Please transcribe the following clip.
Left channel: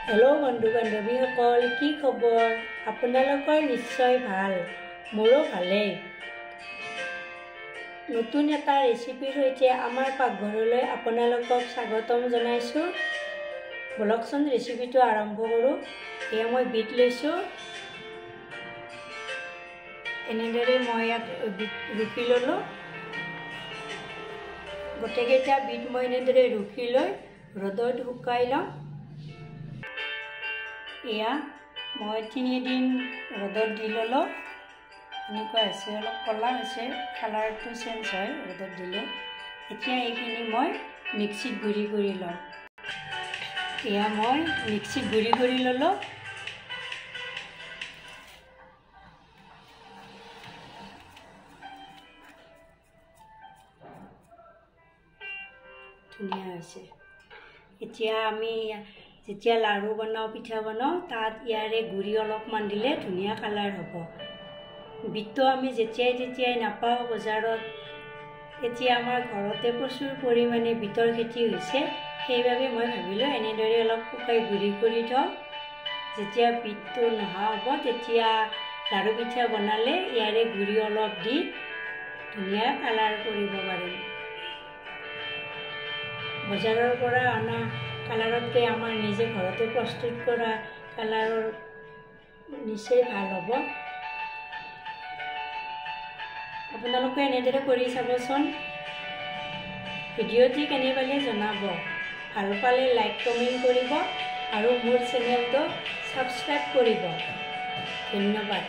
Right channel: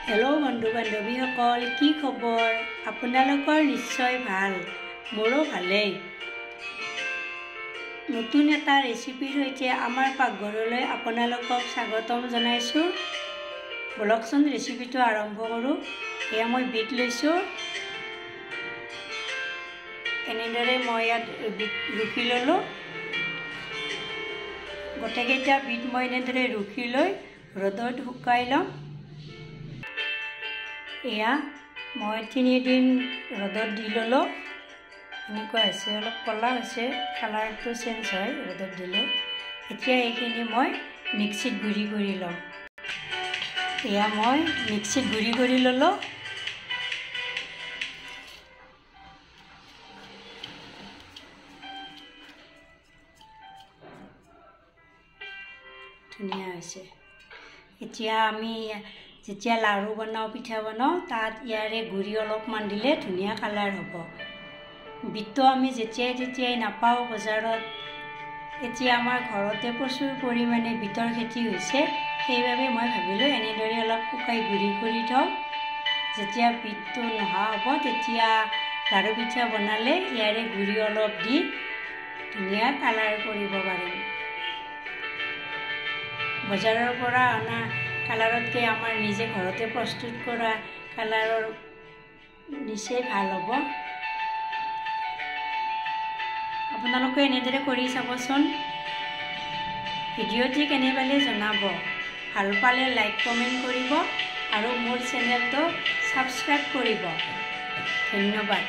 hello बंधु बान्धवीসকল কি খবৰ আপোনালোকৰ নিশ্চয় ভাল মোৰো ভালেই নতুন এটা ৰেচিপিৰ সৈতে আমাৰ পাকঘৰলৈ আপোনালোকক স্বাগতম জনাইছো বলকচোন ৰেচিপিটো আৰম্ভ কৰো এয়া মই বিট লৈছো এনেদৰে মই ইয়াত ৰুকি ললো গোটেইকেইটা বিট মই এনেদৰে ৰুকি লৈ ৰ'দত শুকাই লম এয়া মই 3 দিন ৰ'দত দি ললো এনেকুৱা আছে অলপ কলা হৈছে কালাৰটো চেঞ্জ হয় ৰ'দত দিলে এতিয়া এইখিনি মই মিক্সিত গুৰি কৰি লম এয়া মই মিক্সিত গুৰি কৰি ললো ধুনীয়া হৈছে এতিয়া আমি যেতিয়া লাড়ু বনাও পিঠা বনাও তাত ইয়াৰে গুৰি অলপমান দিলে ধুনীয়া কালাৰ হ'ব বিটটো আমি যেতিয়াই নাপাওঁ বজাৰত এতিয়া আমাৰ ঘৰতে প্ৰচুৰ পৰিমাণে বিটৰ খেতি হৈছে সেইবাবে মই ভাবিলোঁ এনেদৰে অলপ শুকাই গুৰি কৰি থওঁ যেতিয়া বিটটো নহা হ'ব তেতিয়া লাড়ু পিঠা বনালে ইয়াৰে গুৰি অলপ দি ধুনীয়া কালাৰ কৰিব পাৰিম বজাৰৰ পৰা অনা কালাৰতকৈ আমাৰ নিজে ঘৰতে প্ৰস্তুত কৰা কালাৰৰ নিশ্চয় ভাল হ'ব আপোনালোকে এনেদৰে কৰি চাবচোন ভিডিঅ'টি কেনে পালে জনাব ভাল পালে লাইক কমেণ্ট কৰিব আৰু মোৰ চেনেলটো সাবস্ক্ৰাইব কৰিব ধন্যবাদ